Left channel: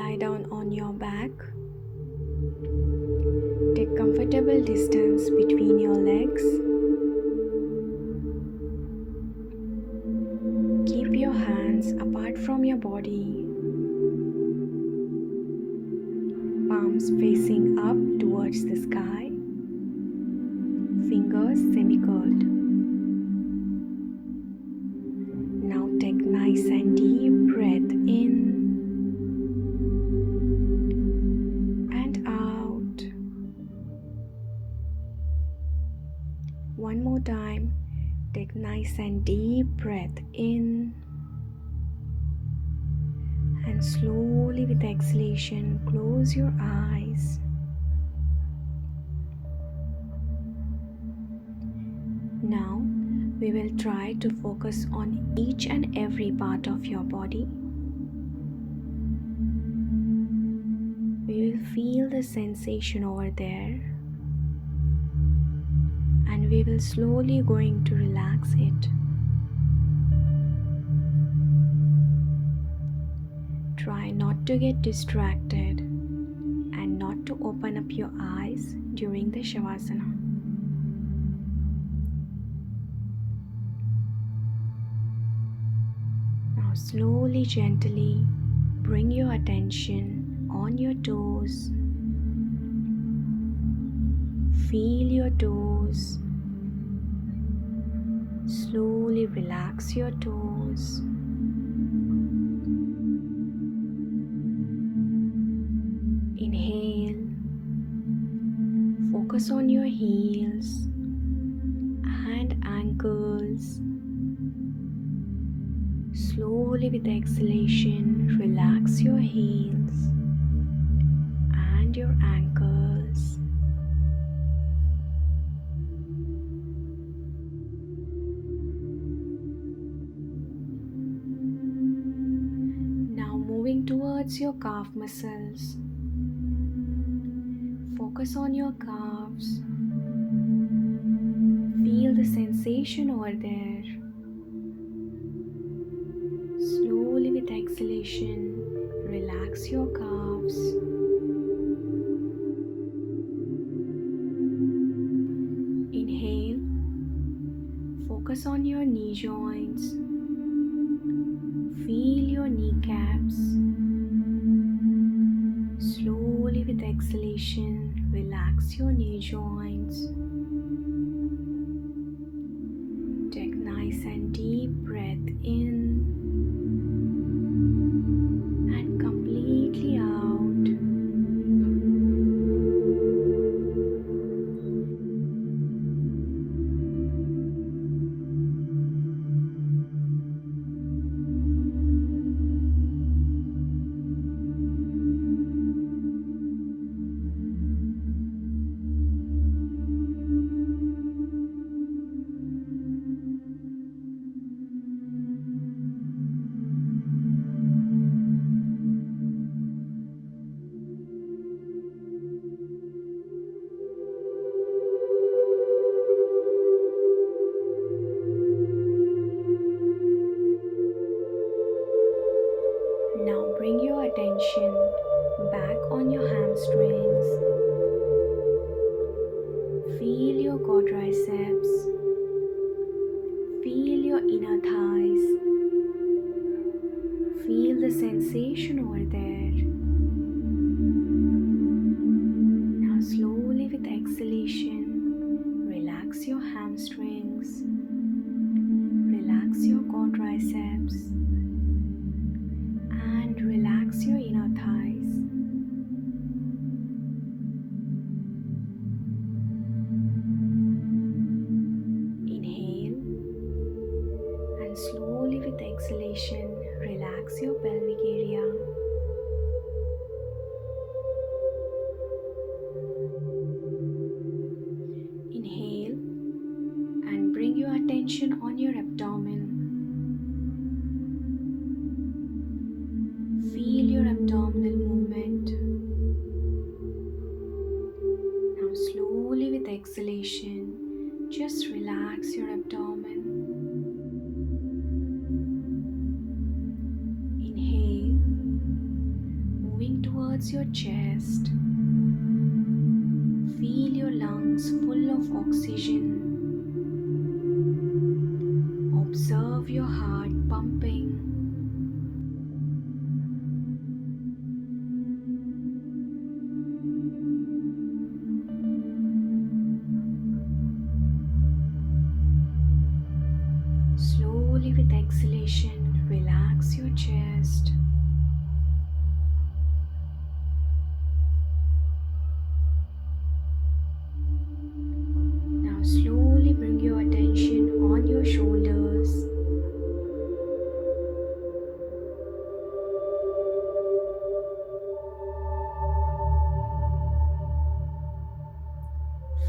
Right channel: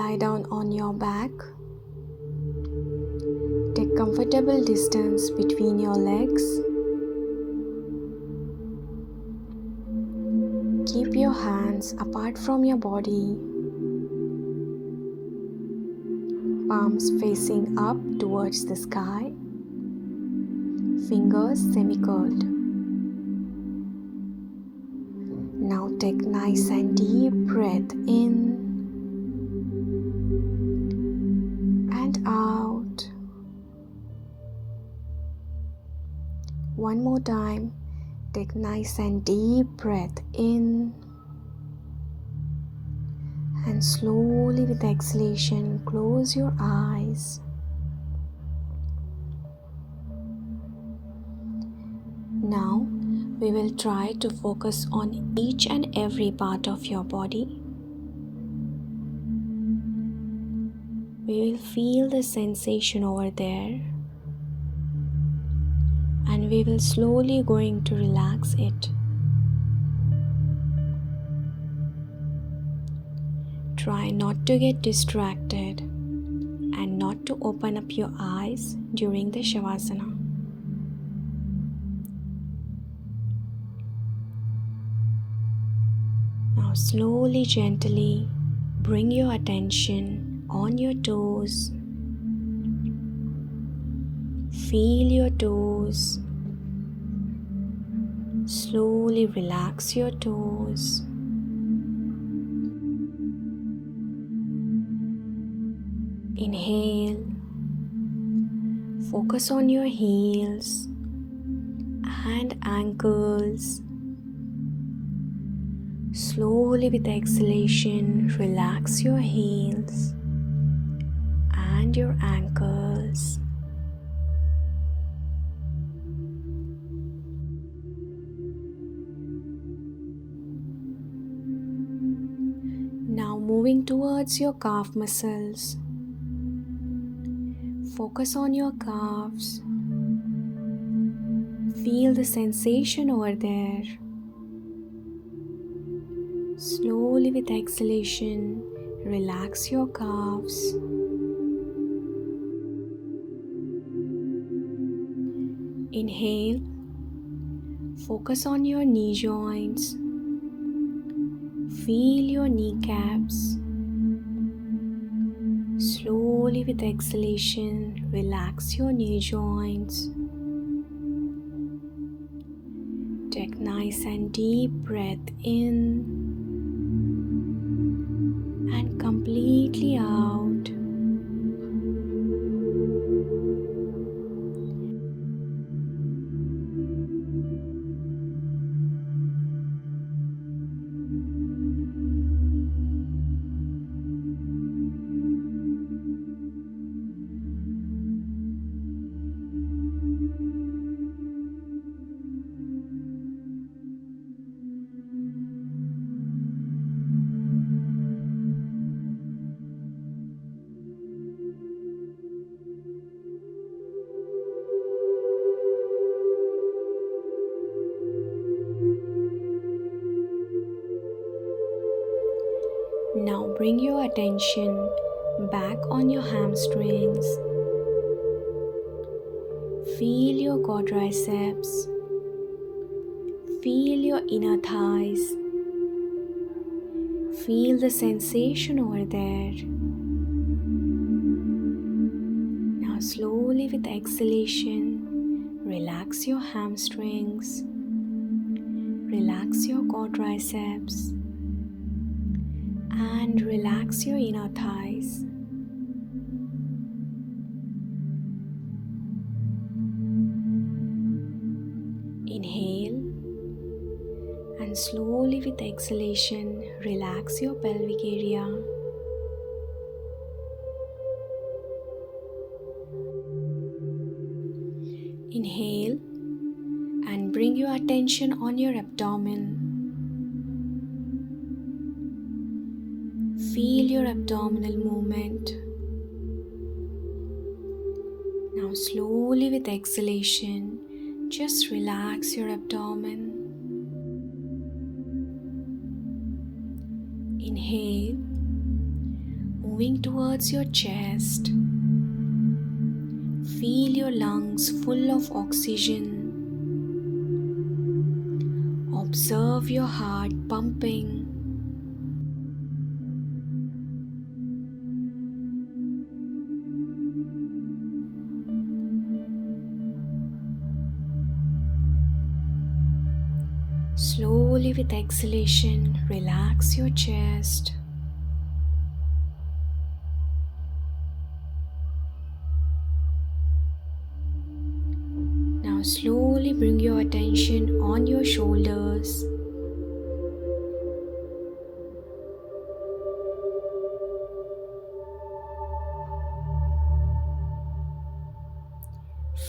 Lie down on your back. Take comfortable distance between your legs. Keep your hands apart from your body. Palms facing up towards the sky. Fingers semi-curled. Now take nice and deep breath in and out. One more time. Take nice and deep breath in and slowly with exhalation close your eyes. Now we will try to focus on each and every part of your body. We will feel the sensation over there and we will slowly going to relax it. Try not to get distracted and not to open up your eyes during the Savasana. Now slowly, gently bring your attention on your toes. Feel your toes. Slowly relax your toes. Inhale. Focus on your heels and ankles. Slowly with exhalation, relax your heels and your ankles. Now moving towards your calf muscles. Focus on your calves. Feel the sensation over there. Slowly with exhalation, relax your calves. Inhale. Focus on your knee joints. Feel your kneecaps. Slowly with exhalation, relax your knee joints. Take nice and deep breath in and completely out. Now bring your attention back on your hamstrings. Feel your quadriceps. Feel your inner thighs. Feel the sensation over there. Now slowly with exhalation, relax your hamstrings. Relax your quadriceps. And relax your inner thighs. Inhale and slowly with exhalation relax your pelvic area. Inhale and bring your attention on your abdomen. Feel your abdominal movement. Now slowly with exhalation, just relax your abdomen. Inhale, moving towards your chest. Feel your lungs full of oxygen. Observe your heart pumping. Slowly with exhalation, relax your chest. Now slowly bring your attention on your shoulders.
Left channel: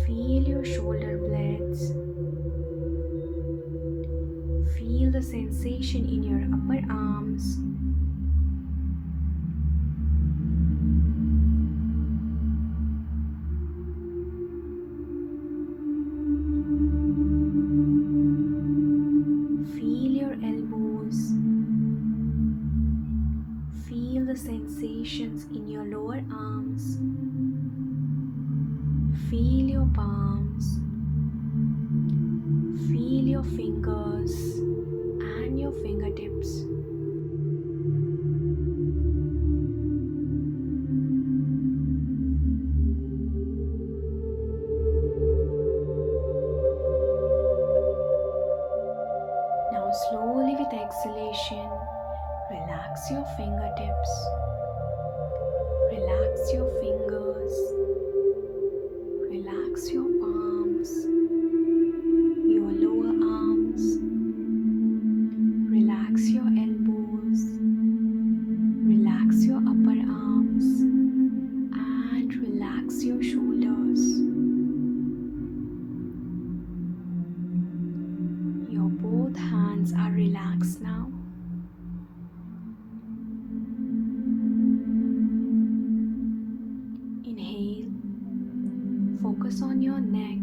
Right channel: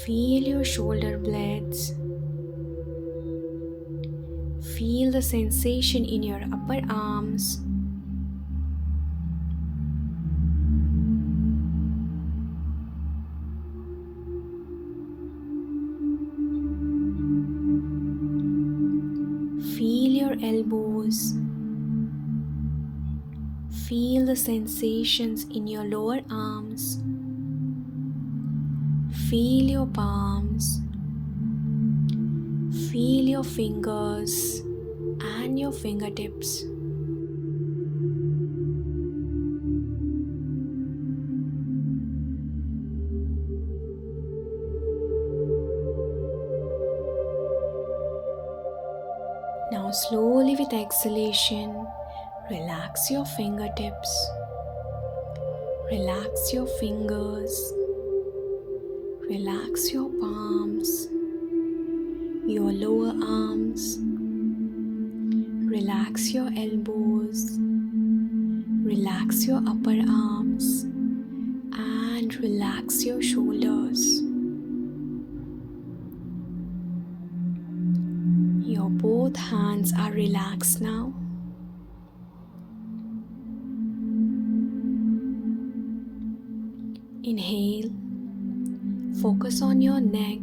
Feel your shoulder blades. Feel the sensation in your upper arms. Feel your elbows. Feel the sensations in your lower arms. Feel your palms. Feel your fingers and your fingertips. Now slowly with exhalation, relax your fingertips. Relax your fingers. Relax your palms, your lower arms. Relax your elbows. Relax your upper arms. And relax your shoulders. Your both hands are relaxed now. Inhale. Focus on your neck.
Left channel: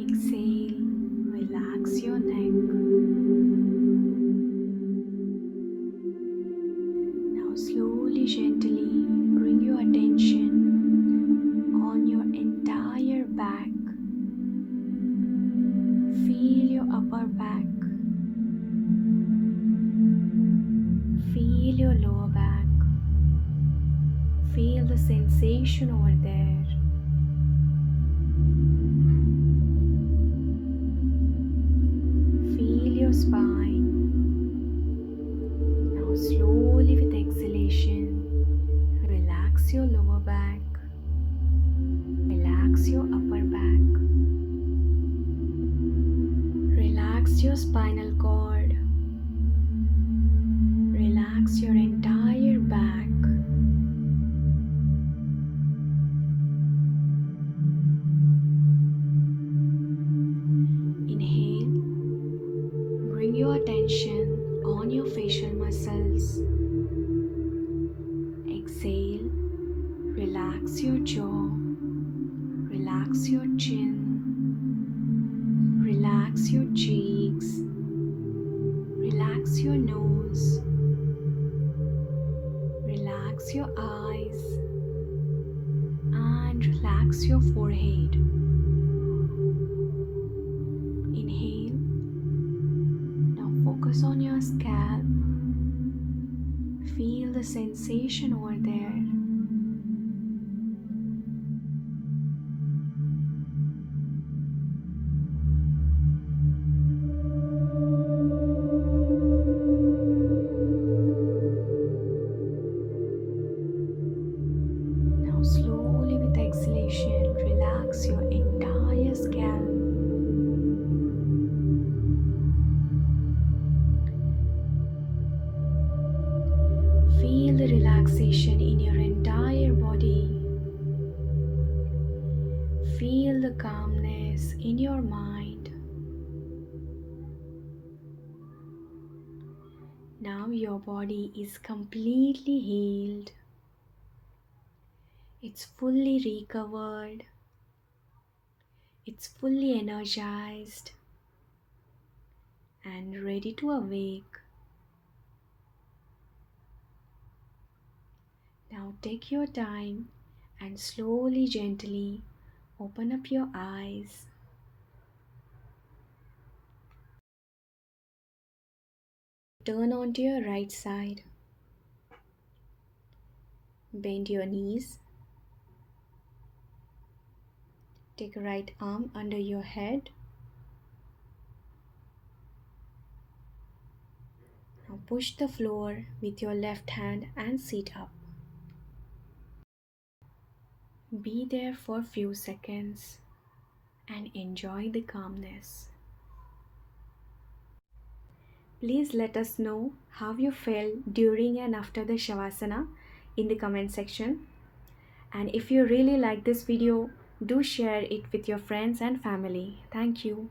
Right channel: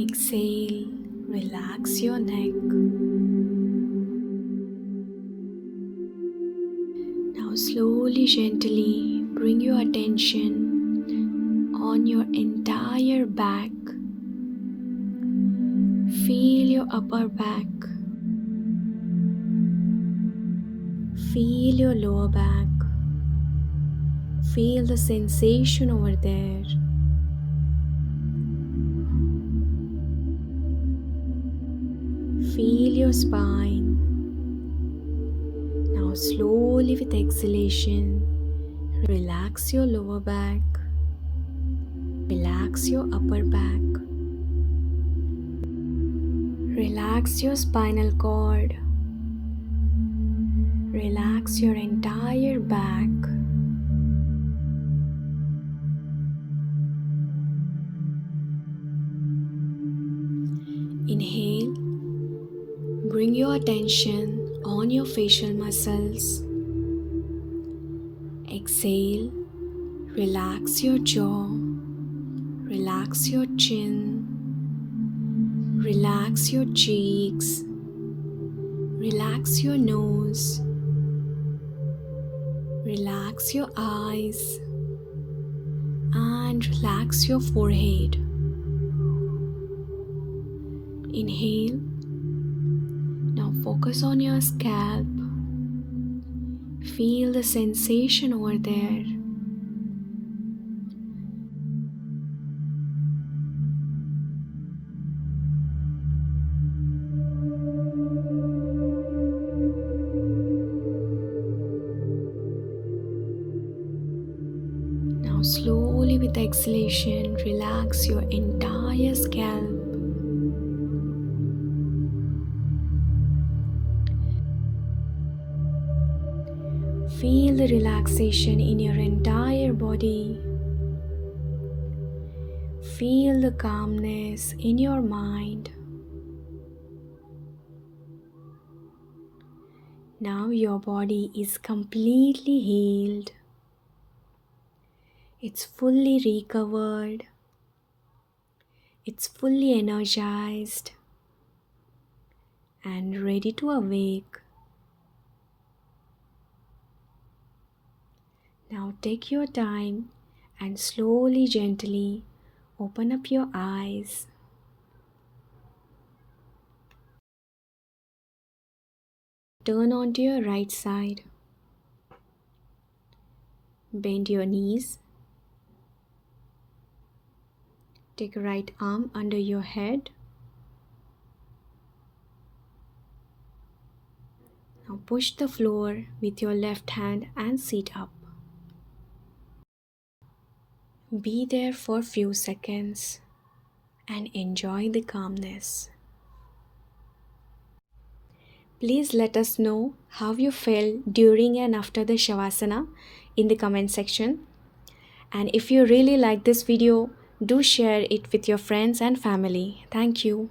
Exhale. Relax your neck. Now slowly, gently bring your attention on your entire back. Feel your upper back. Feel your lower back. Feel the sensation over there. Feel your spine. Now slowly with exhalation, relax your lower back. Relax your upper back. Relax your spinal cord. Relax your entire back. Inhale. Bring your attention on your facial muscles. Exhale. Relax your jaw. Relax your chin. Relax your cheeks. Relax your nose. Relax your eyes. And relax your forehead. Inhale. Now focus on your scalp. Feel the sensation over there. Now slowly with exhalation, relax your entire scalp. Feel the relaxation in your entire body. Feel the calmness in your mind. Now your body is completely healed. It's fully recovered. It's fully energized and ready to awake. Now take your time and slowly, gently open up your eyes. Turn onto your right side. Bend your knees. Take a right arm under your head. Now push the floor with your left hand and sit up. Be there for a few seconds and enjoy the calmness. Please let us know how you felt during and after the Shavasana in the comment section. And if you really like this video, do share it with your friends and family. Thank you.